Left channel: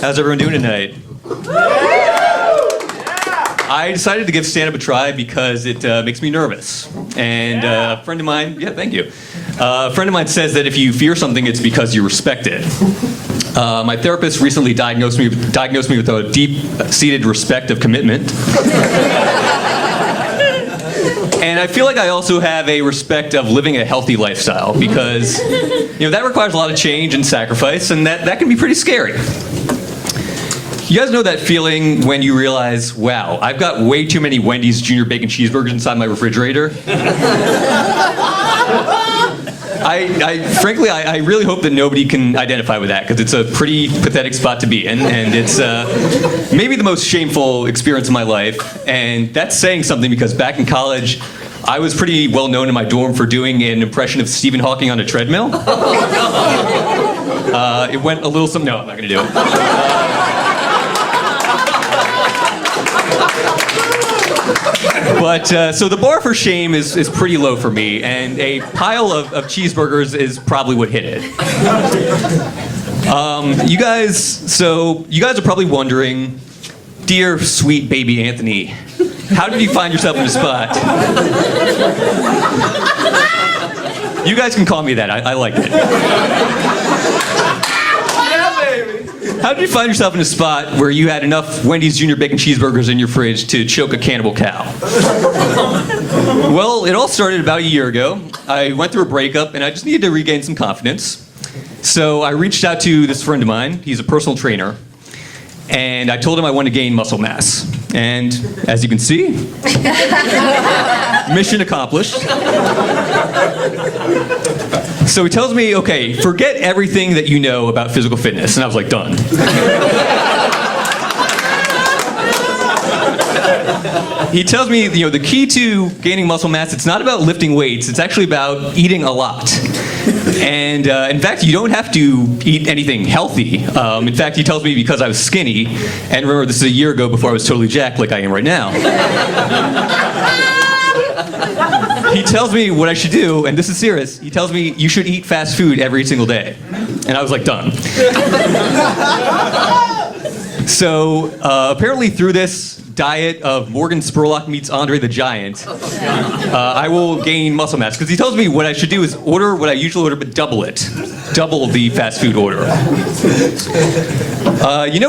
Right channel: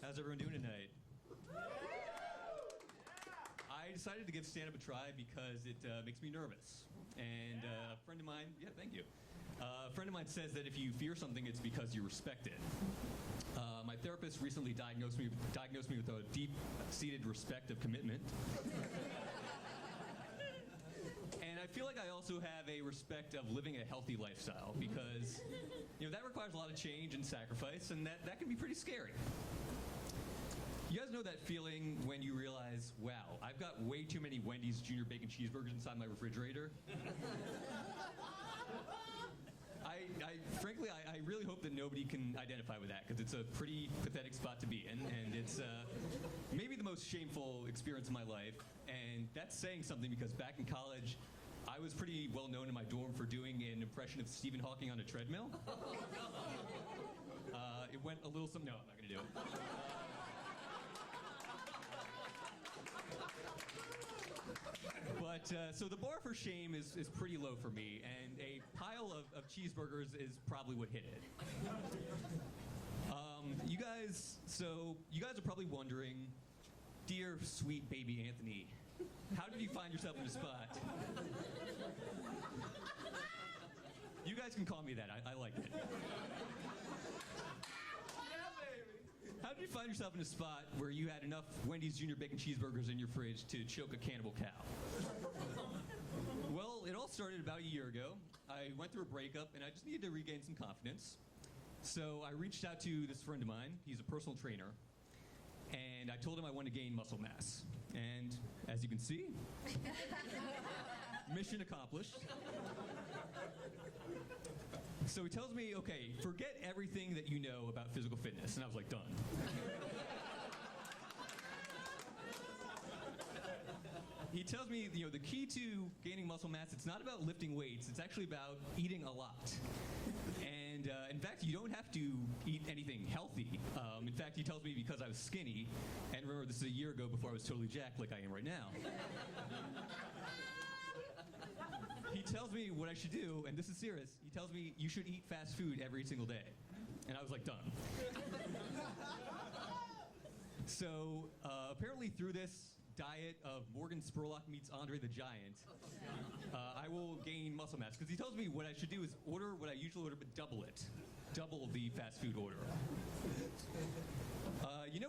How's everyone doing tonight? I decided to give stand-up a try because it makes me nervous. And a friend of mine, thank you. A friend of mine says that if you fear something, it's because you respect it. My therapist recently diagnosed me with a deep-seated respect of commitment. And I feel like I also have a respect of living a healthy lifestyle because, that requires a lot of change and sacrifice, and that can be pretty scary. You guys know that feeling when you realize, wow, I've got way too many Wendy's Junior Bacon Cheeseburgers inside my refrigerator? Frankly, I really hope that nobody can identify with that because it's a pretty pathetic spot to be in, and it's maybe the most shameful experience of my life. And that's saying something because back in college, I was pretty well known in my dorm for doing an impression of Stephen Hawking on a treadmill. It went a little something. No, I'm not going to do it. But so the bar for shame is pretty low for me, and a pile of cheeseburgers is probably what hit it. You guys are probably wondering, dear sweet baby Anthony, how did you find yourself in a spot? You guys can call me that. I like it. How did you find yourself in a spot where you had enough Wendy's Junior Bacon Cheeseburgers in your fridge to choke a cannibal cow? Well, it all started about a year ago. I went through a breakup, and I just needed to regain some confidence. So I reached out to this friend of mine. He's a personal trainer. And I told him I wanted to gain muscle mass. And as you can see, mission accomplished. So he tells me, okay, forget everything that you know about physical fitness. And I was like, done. He tells me, the key to gaining muscle mass, it's not about lifting weights. It's actually about eating a lot. And in fact, you don't have to eat anything healthy. In fact, he tells me because I was skinny, and remember, this is a year ago before I was totally jacked like I am right now. He tells me what I should do, and this is serious. He tells me you should eat fast food every single day. And I was like, done. So apparently through this diet of Morgan Spurlock meets Andre the Giant, I will gain muscle mass. Because he tells me what I should do is order what I usually order, but double it. Double the fast food order.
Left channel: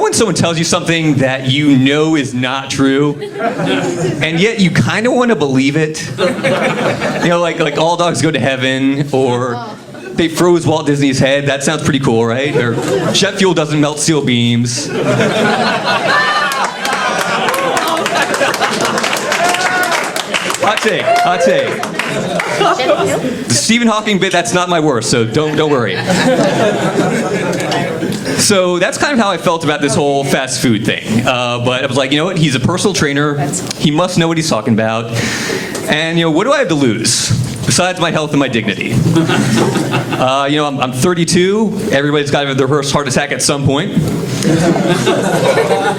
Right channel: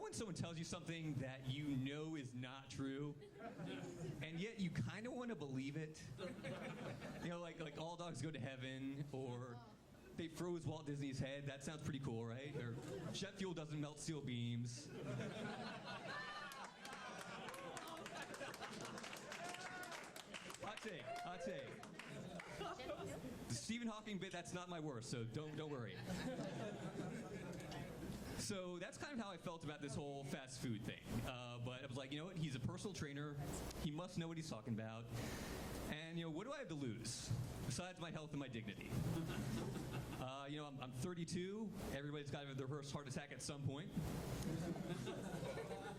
When someone tells you something that you know is not true, and yet you kind of want to believe it? Like all dogs go to heaven, or they froze Walt Disney's head. That sounds pretty cool, right? Or jet fuel doesn't melt steel beams. Hot take. The Stephen Hawking bit, that's not my worst, so don't worry. So that's kind of how I felt about this whole fast food thing. But I was like, you know what? He's a personal trainer. He must know what he's talking about. And, what do I have to lose besides my health and my dignity? I'm 32. Everybody's got their first heart attack at some point.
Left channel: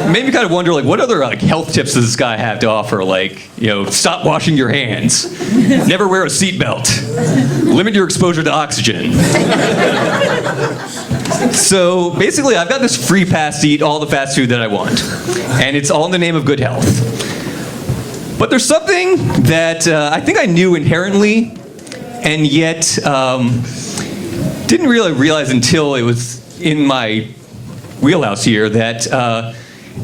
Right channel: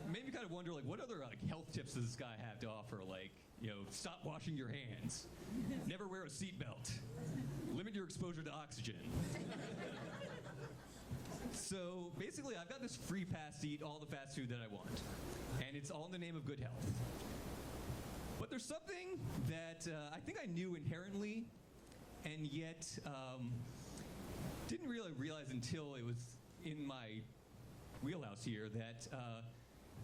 Made me kind of wonder, what other health tips does this guy have to offer? Stop washing your hands, never wear a seatbelt, limit your exposure to oxygen. So basically, I've got this free pass to eat all the fast food that I want, and it's all in the name of good health. But there's something that I think I knew inherently, and yet didn't really realize until it was in my wheelhouse here, that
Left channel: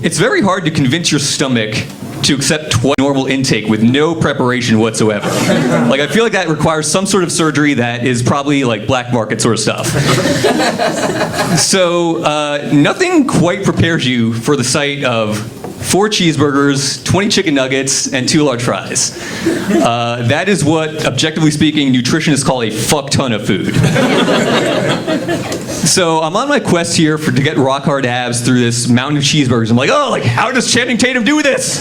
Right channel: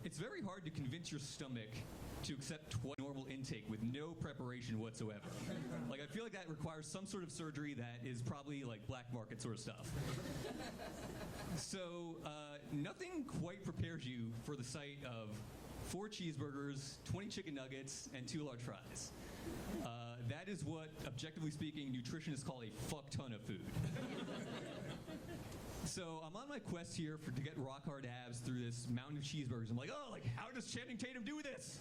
it's very hard to convince your stomach to accept normal intake with no preparation whatsoever. I feel like that requires some sort of surgery that is probably black market sort of stuff. So nothing quite prepares you for the sight of 4 cheeseburgers, 20 chicken nuggets, and 2 large fries. That is what, objectively speaking, nutritionists call a fuck ton of food. So I'm on my quest here to get rock hard abs through this mountain of cheeseburgers. I'm like, how does Channing Tatum do this?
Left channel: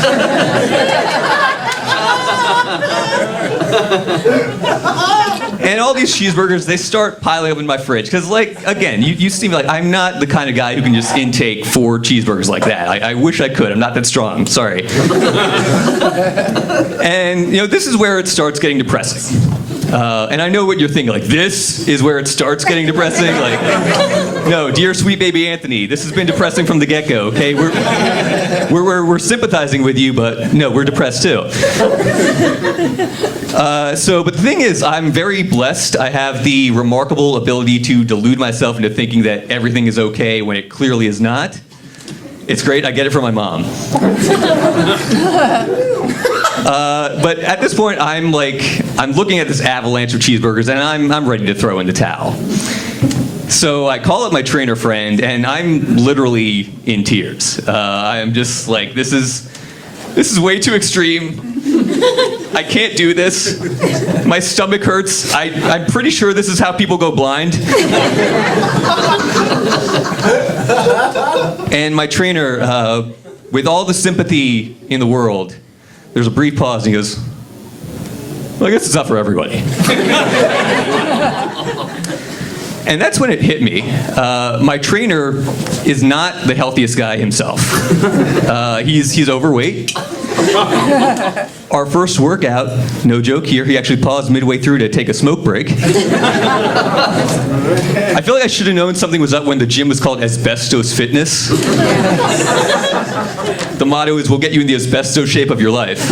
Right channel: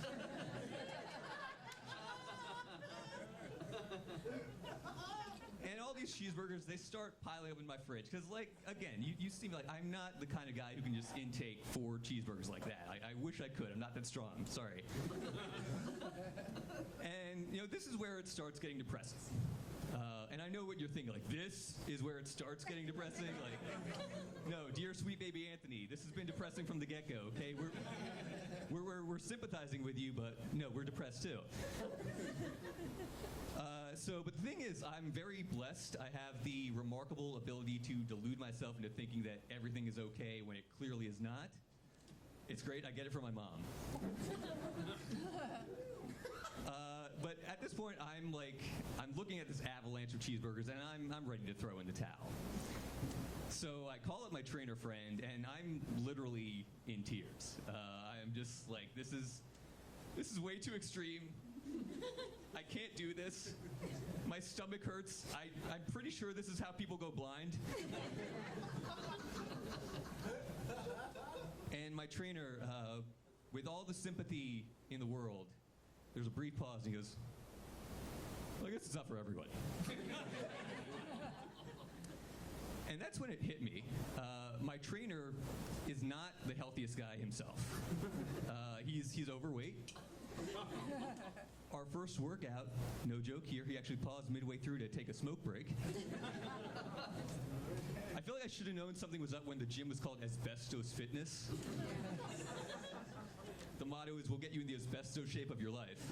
And all these cheeseburgers, they start piling up in my fridge. Because, again, you see me I'm not the kind of guy who can just intake 4 cheeseburgers like that. I wish I could. I'm not that strong. Sorry. And, this is where it starts getting depressing. And I know what you're thinking, like, this is where it starts getting depressing. Like, no, dear sweet baby Anthony, this has been depressing from the get-go, okay? We're sympathizing with you, but no, we're depressed too. But the thing is, I'm very blessed. I have the remarkable ability to delude myself into thinking that everything is okay when it clearly is not. It's great, I get it from my mom. But at this point, I'm looking at this avalanche of cheeseburgers, and I'm ready to throw in the towel. So I call up my trainer friend, and I'm literally in tears. I'm just like, this is way too extreme. I can't do this. My stomach hurts. I'm pretty sure this is how people go blind. And my trainer, with all the sympathy in the world, there's a brief pause, and he goes, well, I guess it's not for everybody. And that's when it hit me. My trainer is not the healthiest guy himself. He's overweight. Our first workout, no joke here, he actually paused midway through to take a smoke break. I feel like I should have known something was up when the gym was called Asbestos Fitness. The motto is, we'll get you in the asbestos shape of your life.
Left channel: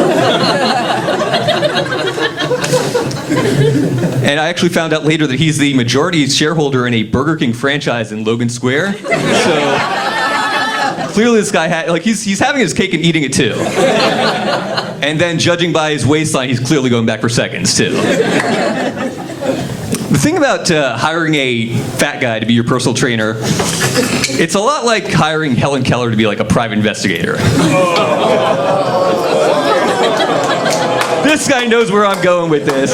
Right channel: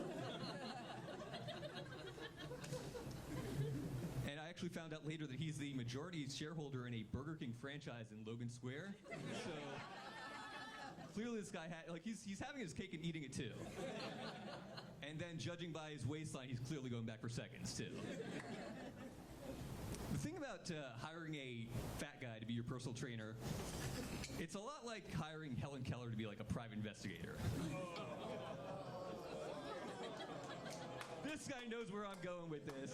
And I actually found out later that he's the majority shareholder in a Burger King franchise in Logan Square. So clearly this guy he's having his cake and eating it too. And then judging by his waistline, he's clearly going back for seconds too. The thing about hiring a fat guy to be your personal trainer, it's a lot like hiring Helen Keller to be like a private investigator. This guy knows where I'm going with this.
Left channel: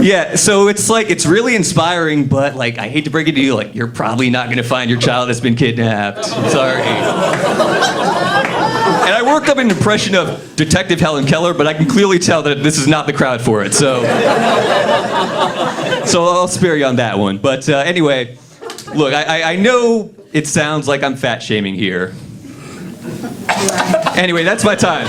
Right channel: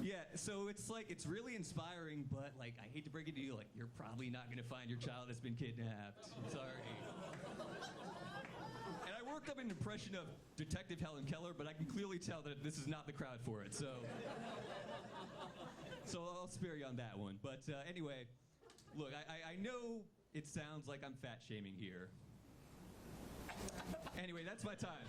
Yeah, so it's really inspiring, but like, I hate to break it to you, like, you're probably not gonna find your child has been kidnapped. Sorry. And I worked up an impression of Detective Helen Keller, but I can clearly tell that this is not the crowd for it, so I'll spare you on that one. But anyway, look, I know it sounds like I'm fat shaming here. Anyway, that's my time.